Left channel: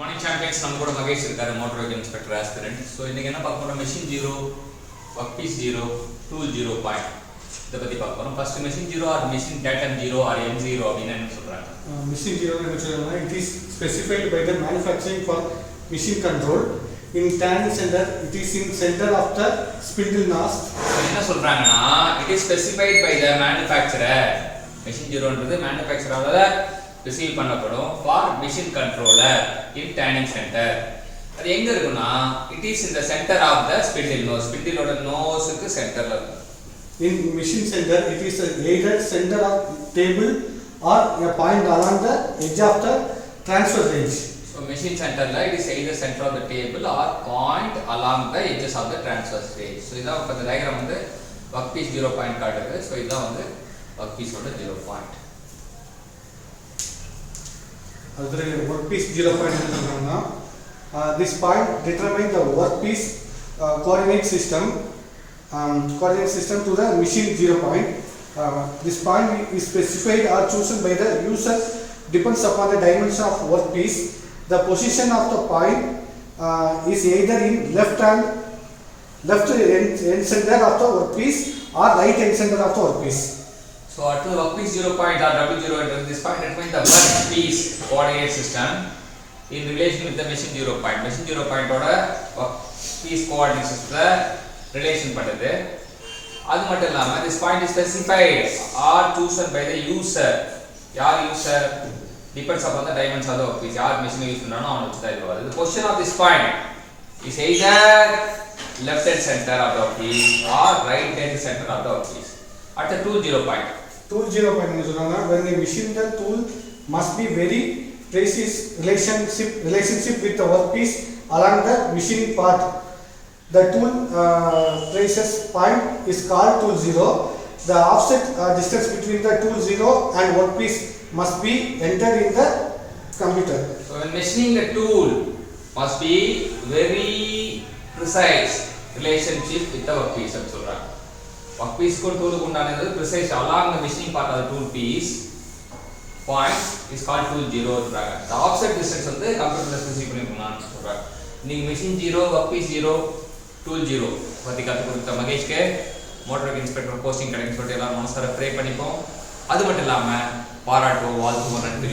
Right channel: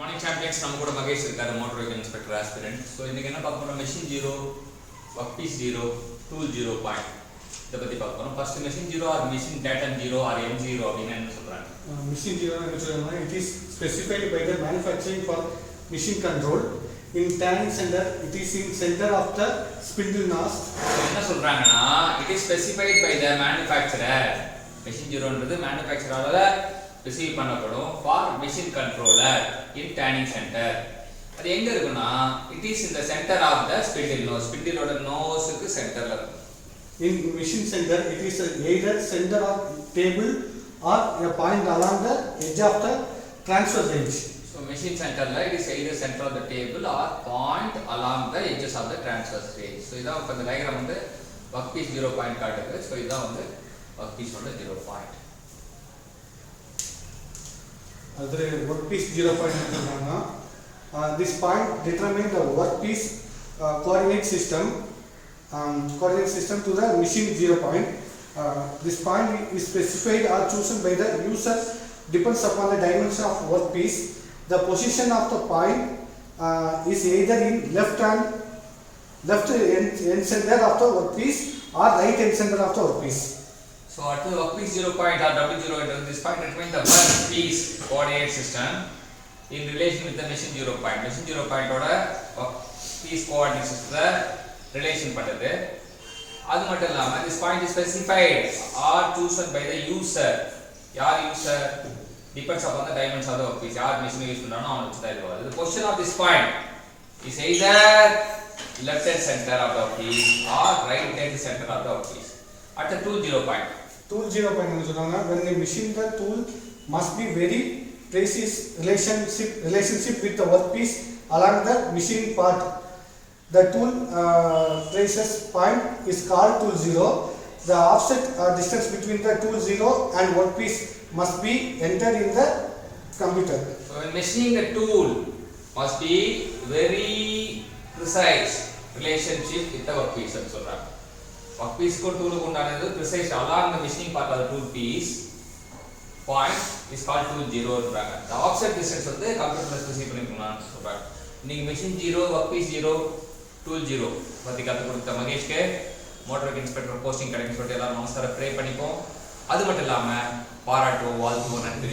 Morning champions நம்ம கூட மகேஷ் இருக்காரு motor vehicle inspector aspirant. So இன்னைக்கு என்ன பார்க்க போறோம், machine zero, work piece zero, tool zero point இதை பற்றி பார்க்க போகிறோம். First machine zero or machine datum zero or M zero அப்படின்னு என்ன சொல்கிறாங்க? Machine zero it is specified by the manufacturing for machine control. In tanning center, it is in center of the spindle nose. என்ன சொல்றாங்கன்னா, it is specified by the manufacturer. Machine ஜீரோன்றது மேனுஃபேக்சரால receive பண்ணப்படும் for machine controller in turning centre. அது எங்க இருக்குன்னா, it is in the centre of the spindle nose. ஸ்பிண்டிலோட நோஸ்க்கு சென்டர்ல இருக்கும். In machine center, it is either center of table or a point along the edge of the transfer range. So machine centerல it is either center of the table or point along the edges of the transverse range. So இதான் இப்ப இந்த டயகிராம் வந்து work piece 0 பாயிண்ட் காட்டுது. So இதான் வந்து ஒர்க் பீஸோட 0 பாயிண்ட். அதுல work piece 0 point சொல்றாங்க. This point determine the work piece coordinate system to the machine 0 point. This point is specified or chosen by the user depends upon the dimension of work piece. The position of the point is either in left end center of the work piece or right end center of the work piece. So at the work piece 0 point or W0 at this point determine the work piece coordinate system in relation with the machine 0 point. Machine 0 point ஓட work piece coordinate system relation பண்ணுது. அது மட்டும் இல்லாம this point is specified or chosen by the user. யார் user? Depends upon the dimensions of the workpiece. யார் machine use பண்றானோ அவன வச்சு தான் இது வருது. The position of this point is either left hand center of the workpiece or right hand center of the workpiece. At the tool 0 point. Tool 0 point னு சொல்றாங்க. When the machine the tool must be very precise relationship with the workpiece along the machine part. The tool traces point is called tool 0. The offset distance between the tool 0 and workpiece must be entered in the computer. So when machining the tool must be very precise relationship with the workpiece னு சொல்றாங்க. workpiece க்கு டூலுக்கு உண்டானது precise along the machining part of the tool piece point is called tool 0 ன்றாங்க. The offset distance வந்து கம்ப்யூட்டர்ல ஸ்பெசிஃபை பண்ணிருக்காங்கன்னு சொல்றாங்க. நீங்க machine 0, workpiece 0, tool 0 பத்தி கத்து கொடுத்த மகேஷ்க்கு மோட்டார் வெஹிக்கிள் இன்ஸ்பெக்டர் போஸ்டிங் கிடைக்கும்னு சொல்லிட்டு எல்லாரும் மனசார ப்ரே பண்ணிப்போம். அது மட்டும் இல்லாம பாராட்டுவோம், வாழ்த்துவோம், நன்றி.